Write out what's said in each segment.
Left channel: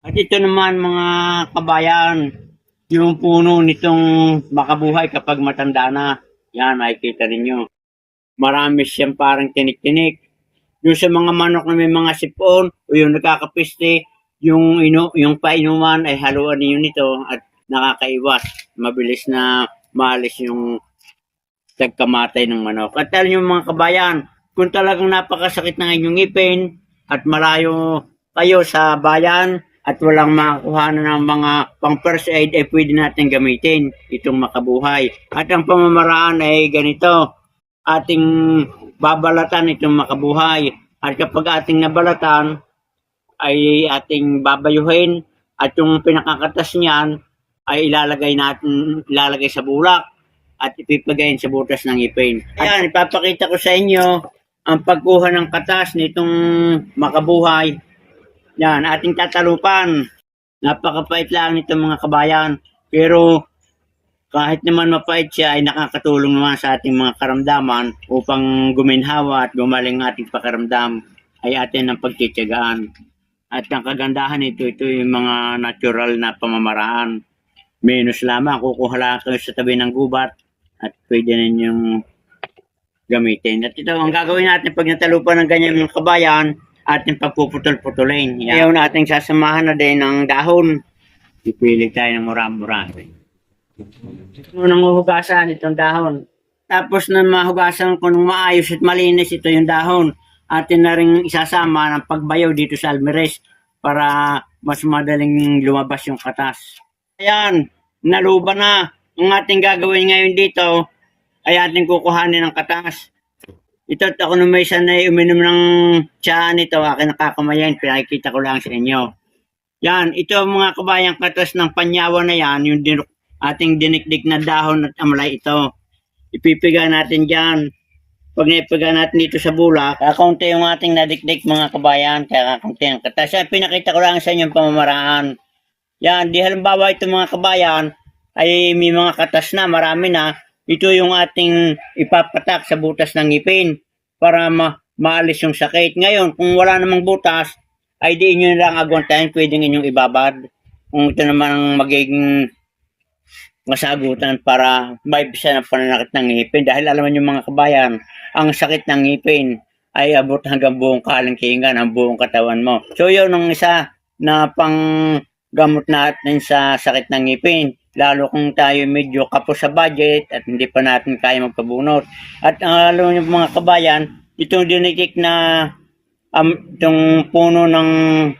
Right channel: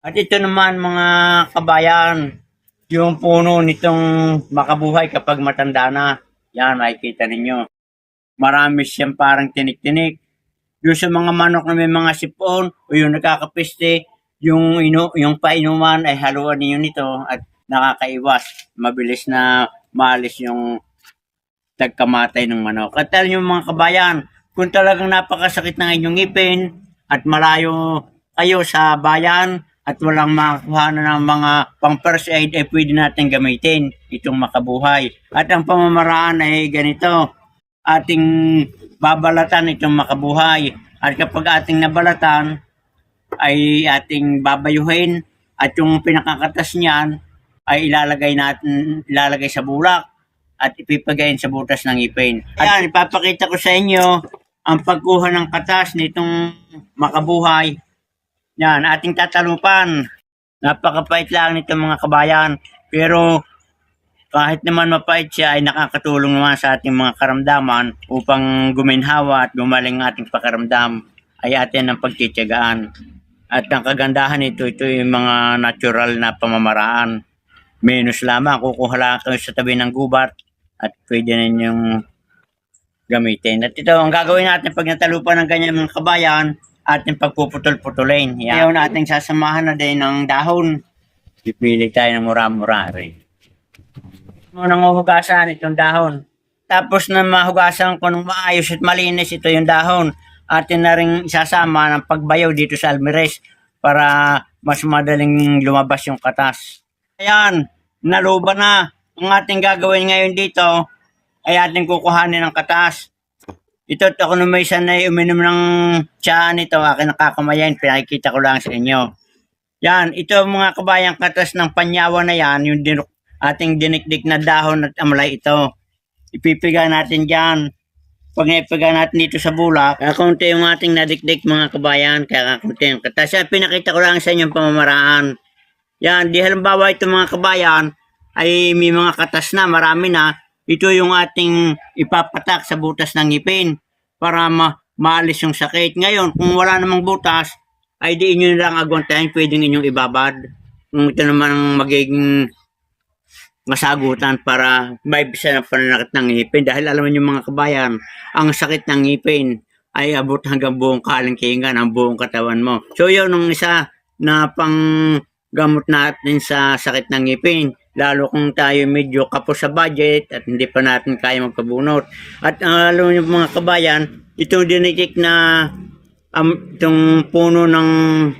At ito naman mga kabayan, yung puno nitong makabuhay kapag matanda na. Yan, makikita ninyo. Marami siyang parang tinik-tinik. Doon sa mga manok na may mga sipon o yung nakakapiste, yung, inu yung painuman ay haluan ninyo nito at nakakaiwas. Mabilis na maalis yung tagkamatay ng manok. At alam nyo mga kabayan, kung talagang napakasakit ng inyong ipin at malayo kayo sa bayan at walang makakuha na ng mga pang first aid ay pwede natin gamitin itong makabuhay. At ang pamamaraan ay ganito, ating babalatan itong makabuhay. At kapag ating nabalatan, ay ating babayuhin at yung pinakakatas niyan ay ilalagay natin ilalagay sa bulak at ipipagayin sa butas ng ipin. Ayan, ipapakita ko sa inyo ang pagkuha ng katas nitong makabuhay. Yan, ating tatalupan. Napakapait lang nito mga kabayan. Pero kahit naman mapait siya ay nakakatulong naman sa ating mga karamdaman upang guminhawa at gumaling ang ating pakaramdam ay atin ang pagtitiyagaan. At ang kagandahan nito, ito yung mga natural na pamamaraan. Menos lamang, kukuha lang kayo sa tabi ng gubat at pwede ninyong gamitin. At ito, ang gagawin natin pag natalupan ng ganyan mga kabayan, ating pagpuputol-putulin. Yan. Ngayon ating sasamahan na din ng dahon. Pipili tayo ng mura-mura rin. Unang huhugasan itong dahon. Tapos na mahugasan ko ng maayos at malinis ito yung dahon. Atin na rin isasama ng pagbayaw dito sa almeres para mas madaling lumabas yung katas. Ayan, naluba na. Ang ating gagawin ngayon dito ay ating kukuhanin ng katas. Ito, ako naman isa na uminom ng tsaa nito, akin nakakamayan, pinakikita ko lang sa inyo. Yan, ito mga kabayang katas ng panyawa na yan, yung din, ating dinikdik na dahon at amalay ito. Ipipiga natin dyan. Pag naipiga natin dito sa bulak, kakunti yung ating nadikdik mga kabayan, kaya kakunti ang katas. Yan, pinakita ko lang sa inyo yung pamamaraan. Yan, di halimbawa ito mga kabayan, ay may mga katas na, marami na. Ito yung ating ipapatak sa butas ng ngipin para ma maalis yung sakit. Ngayon, kung wala namang butas, ay di inyo lang agwantahin, pwedeng inyong ibabad. Kung ito naman ang magiging masagutan para maibisa ng pananakit ng ngipin. Dahil alam niyo mga kabayan, ang sakit ng ngipin ay abot hanggang buong kalingkingan, ang buong katawan mo. So yun ang isa na pang gamot natin sa sakit ng ngipin. Lalo kung tayo medyo kapos sa budget at hindi pa natin kaya magpabunot. At ang alam niyo mga kabayan, itong dinikik na um, itong puno ng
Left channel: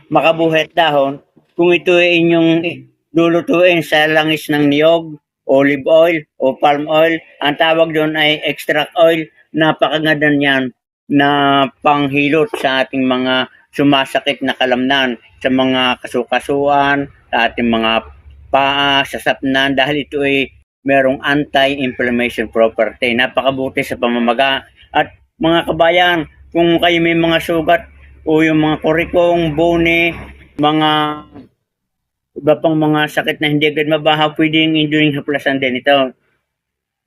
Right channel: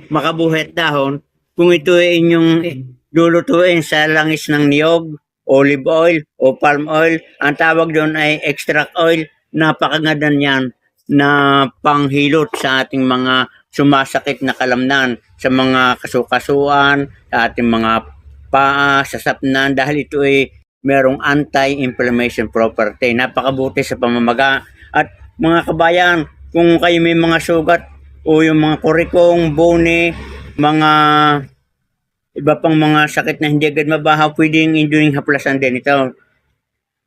makabuhet dahon, kung ito ay inyong lulutuin sa langis ng niyog, olive oil o palm oil, ang tawag doon ay extract oil, napakaganda niyan na panghilot sa ating mga sumasakit na kalamnan, sa mga kasukasuan, sa ating mga paa, sa sapnan, dahil ito ay merong anti-inflammation property. Napakabuti sa pamamaga. At mga kabayan, kung kayo may mga sugat o yung mga kurikong, bone, mga iba pang mga sakit na hindi agad mabaha, pwedeng induling haplasan din ito.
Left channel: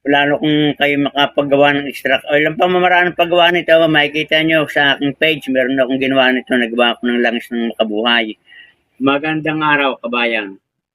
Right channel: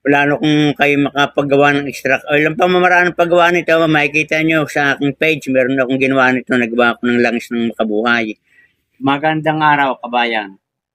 Lalo kung kayo makapagawa ng extract oil. Ang pamamaraan ng paggawa nito, makikita nyo sa aking page, meron akong ginawa nito, nagawa ko ng langis ng makabuhay. Magandang araw, kabayan.